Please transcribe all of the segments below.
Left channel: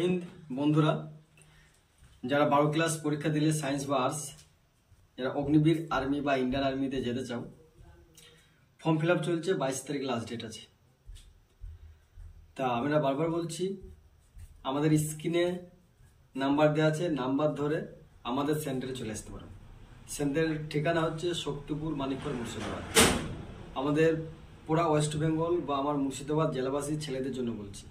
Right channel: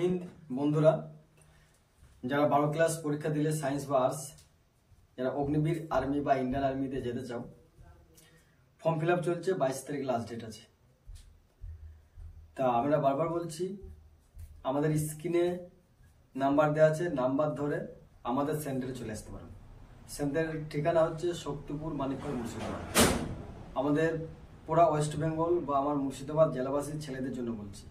হিন্দ বন্ধুরা, যারা 12 ক্লাস পরীক্ষা দিলে সায়েন্স বা আর্টস, যারা অগ্নিবীর আর্মি বা ইন্ডিয়ান আর্মিতে যেতে চাও, ফর্ম ফিল আপ চলছে। 22 তারিখ লাস্ট ডেট আছে। তা আমরা বারবার বলছি, আমাদের স্ক্রিনে নাম্বার দেওয়া আছে, নাম্বার ধরে আমাদের সেন্টারে চলে আসতে পারো। সেন্টারের ঠিকানা হচ্ছে শক্তিপুর, মানিকপুর, মুর্শিদাবাদ। আমাদের পুরা ওয়েস্ট বেঙ্গল বা আমার মুর্শিদাবাদ জেলাবাসী ছেলেদের জন্য বলছি,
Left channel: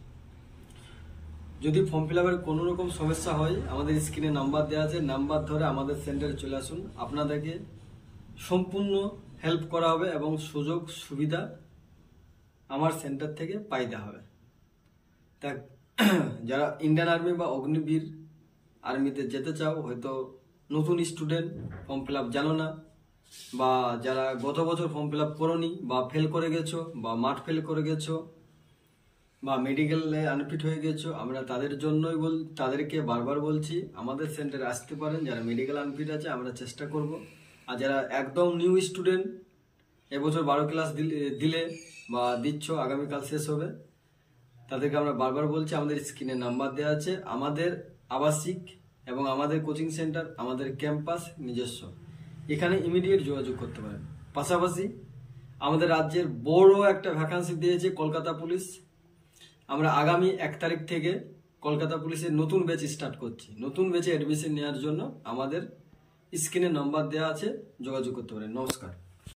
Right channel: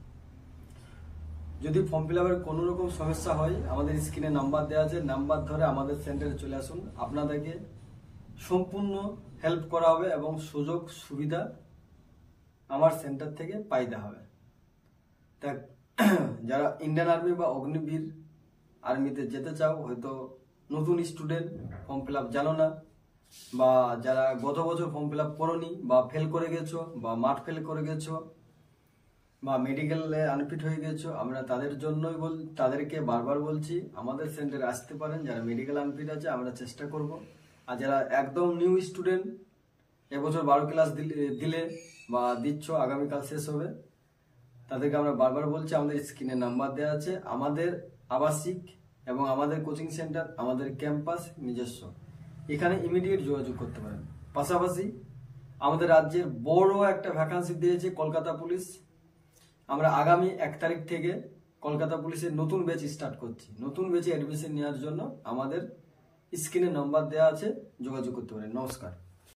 যদি ফর্ম ফিল আপের কোনো রকম সমস্যা হয়, আমাদের স্ক্রিনে নাম্বার দেওয়া আছে, নাম্বার ধরে আমাদের সেন্টারে চলে আসুন। আপনাদেরকে সম্পূর্ণ হেল্প করা হবে এবং সুযোগ সুবিধা আমার সেন্টার থেকে পাইতে হবে। তা যারা ইন্ডিয়ান আর্মি বা অগ্নিবীর আর্মিতে যেতে চাও, হয়তো নতুন স্টুডেন্ট, ফর্ম ফিল আপ জানো না, বা যারা গত বছর ফর্ম ফিল আপ করোনি বা ফেল করে গেছো বা মাঠ ফেল করে গেছো বা মেডিকেলে আনফিট হয়ে গেছো, আমরা তাদেরকে বারবার বলছি আমাদের সেন্টারে আসতে পারেন। যারা মেডিকেল আনফিট আছে আমরা চেষ্টা করব। আর যারা একদম নিউ স্টুডেন্ট, এবছর 12 ক্লাস দিলে বা দিচ্ছ, আগামীকাল শেষ হবে, তাদেরকে আমরা বারবার বলছি আমাদের স্ক্রিনে নাম্বার দেওয়া আছে। আমাদের আবাসিক এবং আমাদের কোচিং সেন্টার, আমাদের ক্যাম্পাস নিজস্ব, এখানে ইমিডিয়েট যোগাযোগ করতে পারেন। পাশাপাশি আমাদের রাজ্যের বড় একটা ভ্যাকান্সি দিয়েছে কলকাতা পুলিশ। আমরা আগামী 1 তারিখ থেকে কলকাতা পুলিশের নতুন ব্যাচ স্টার্ট করছি। নতুন ব্যাচে অ্যাডমিশন নেওয়ার জন্য আমাদের স্ক্রিনে নাম্বার দেওয়া আছে, যোগাযোগ করতে পারেন। নমস্কার।